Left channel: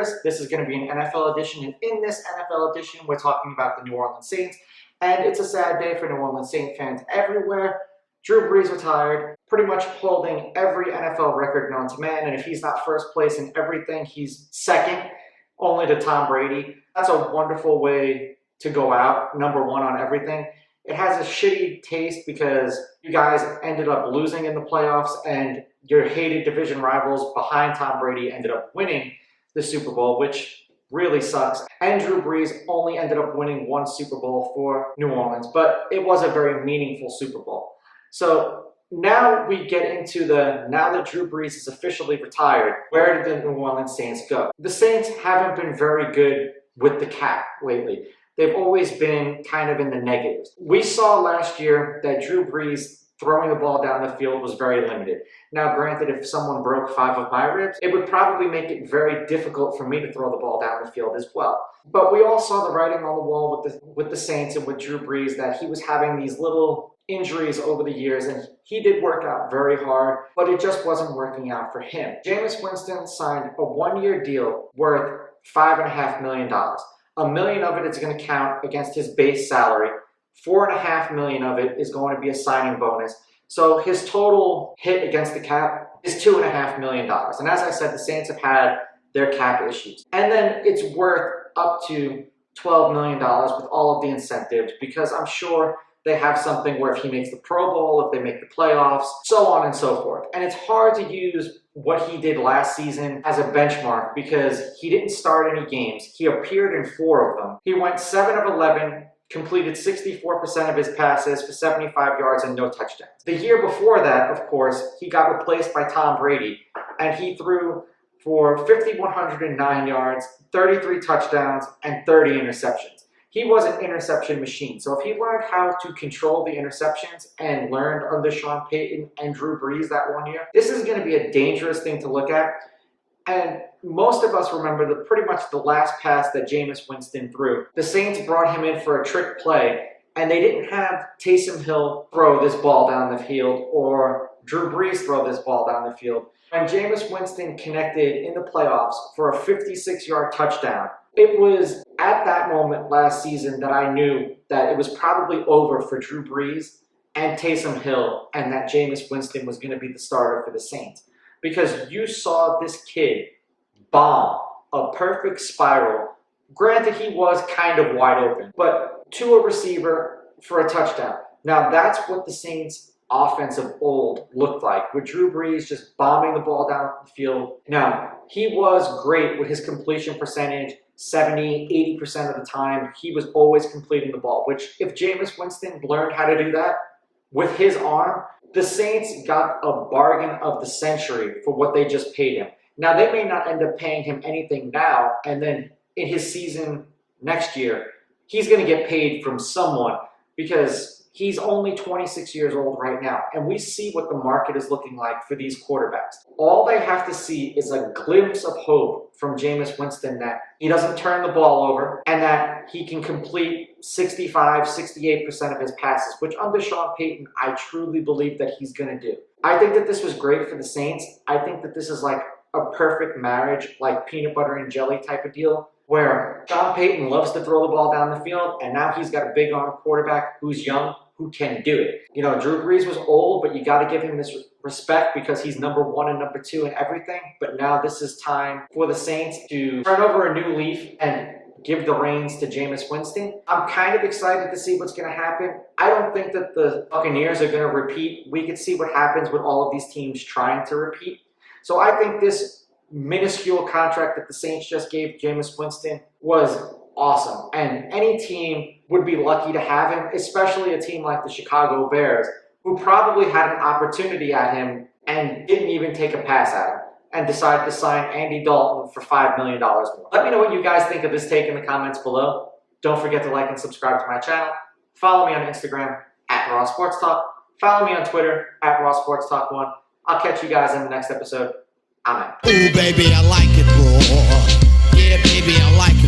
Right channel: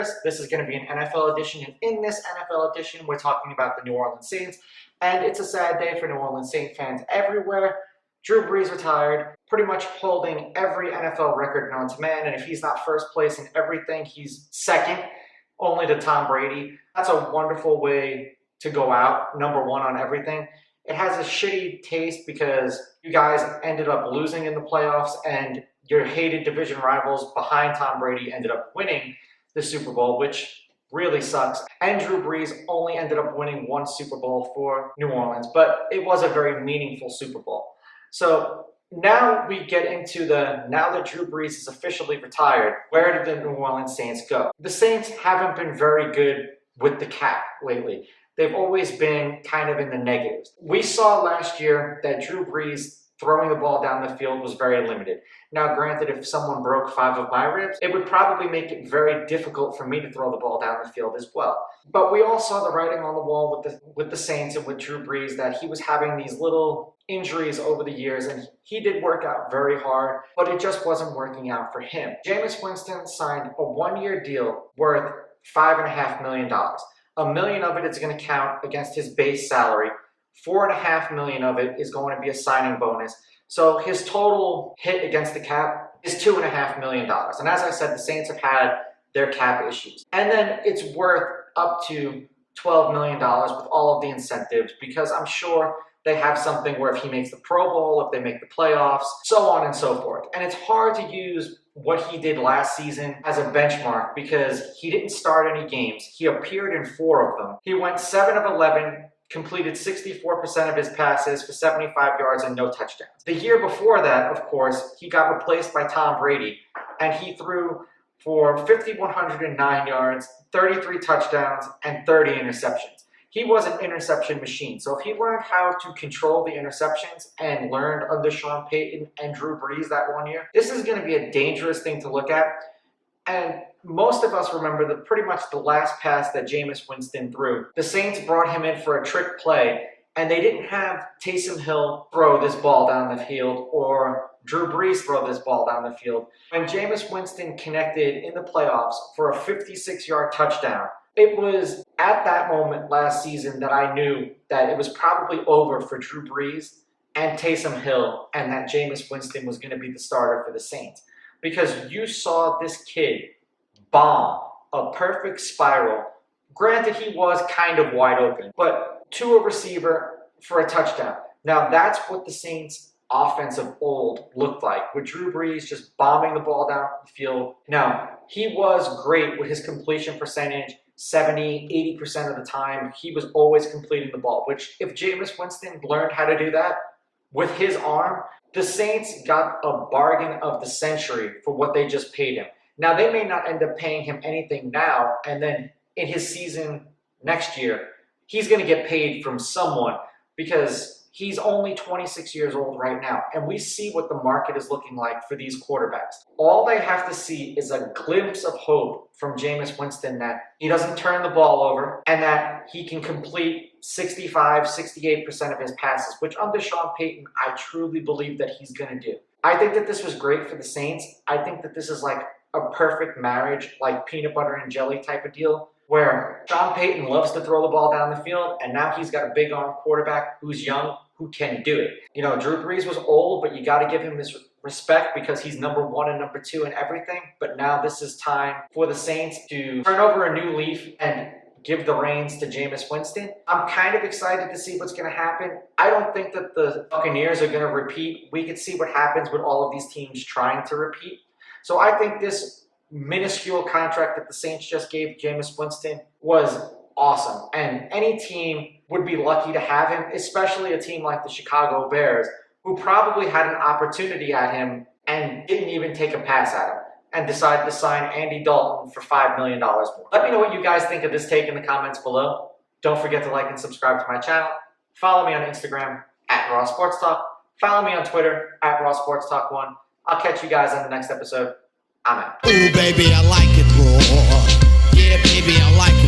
Chris. This is going to be an NFL edition, and in this NFL edition, we're talking about the New Orleans Saints, and it's a sad day for New Orleans Saints fans everywhere. Drew Brees retired, pretty much holding every NFL record known to man, and if he's not first place in everything, he's second, only to Tom Brady. That's a wonderful way to go out, number one on everything. It has a shitty taste because you guys ended up losing in the playoffs and your hated division rivals behind Tom Brady ended up winning the Super Bowl, which really sucks. And Drew Brees only ended up winning one Super Bowl for New Orleans, but it was a very meaningful Super Bowl. So now we get into now that Drew Brees is officially retired, where did the New Orleans Saints go? The Saints haven't been very good with the cap lately. They've always been kind of in the negatives. We saw last year that Drew Brees throwing the ball down the field was very limited. Now, granted, if someone broke 5 of my ribs, it would probably make it very difficult for me to throw the ball down the field as well. But we all saw the writing on the wall with the Saints and with Drew Brees that he was having these little injuries over the years, and he did work out very hard, but it just wasn't working out for him. Jameis Winston signed a 1-year deal worth $5.5 million. $1 million of it is going to count against his base salary. $4.5 million of it is going to be a signing bonus. So his total hit against the cap is $2.5 million. And as I said, the Saints have had their cap issues. And then it's worth up to $12 million with all of the incentives, because I'm sure they have something where if he makes the Pro Bowl, if they make the playoffs, so on and so forth. And it's hard to use what he did last season as a benchmark because he didn't start any games. He appeared in 4 of them. He went 7 of 11, completed 64% of his passes for 75 yards and no touchdowns. The year before that, of course, he got replaced by Tom Brady, and he threw for 5,109 yards, 33 touchdowns, and 30 interceptions. He was an interception machine. So if he learned how to control the interceptions and learned under Sean Payton and Drew Brees that 1 year, this is going to be a dangerous thing to look at. And most of us remember pretty much the last pass that Jameis Winston threw. The Saints brought him in for a trick play, and they didn't have Taysom Hill throw this ball down the field or Drew Brees throw this ball down the field. When Jameis Winston connected in the playoffs for a 56-yard touchdown, it was at that moment last season that I knew that it was probably over for Drew Brees and Taysom Hill, and that Jameis Winston was going to be the starter for the Saints. Because you saw this kid bomb a perfect spiral. Granted, he was kind of wide open, but to a receiver for a touchdown. Now, that's what the Saints' offense of old looked like, with Drew Brees just bombing the ball down the field. Now, he was great with his completion percentage. 70, 80% of the time, he was always completing the ball, which if Jameis Winston learned how to do that with his arm, the Saints got a bargain of the century for what they just paid him. Now, they may not end up paying him anything now, and then in his season next year, he's going to get paid from someone because he's only 26 years old right now, and we see what the market is looking like for these quarterbacks. All they have to see is a glimpse of hope from Jameis Winston that he doesn't turn the ball over and that he can complete 65, 68% of his passes, which under Sean Payton, I truly believe that he's going to do. I think that this was great for the Saints. I think that this is like a perfect marriage, like peanut butter and jelly type of deal, where Sean Payton loves to throw the ball down the field, and now he's got a big arm quarterback who's young, who can do it. You know, Drew Brees was old, but you got to give him his respect because he's number 1 and number 2 in everything. But now this is time for the Saints to turn over a new leaf and give the reins to Jameis Winston. I'm kind of excited to see what's going to happen. I don't think that the Buccaneers are going to repeat. We could see what happens with all of these teams trying to repeat. So I think this minuscule contract that the Saints just gave Jameis Winston was awesome. And any team would be lucky to have him, especially a team like the Chicago Bears, who probably had an opportunity at him and didn't even take a pass at him and decided to sign Andy Dalton for $5 million more. Let me know what you guys think of this take in the comments below. Don't forget to like and subscribe to my channel. Follow me on Instagram @RawSportsTalk. Follow me on Twitter @RawSportsTalk1. I'll catch you guys in the next episode. I'm out. Ooh, baby, I like it raw. Yeah, baby, I like it.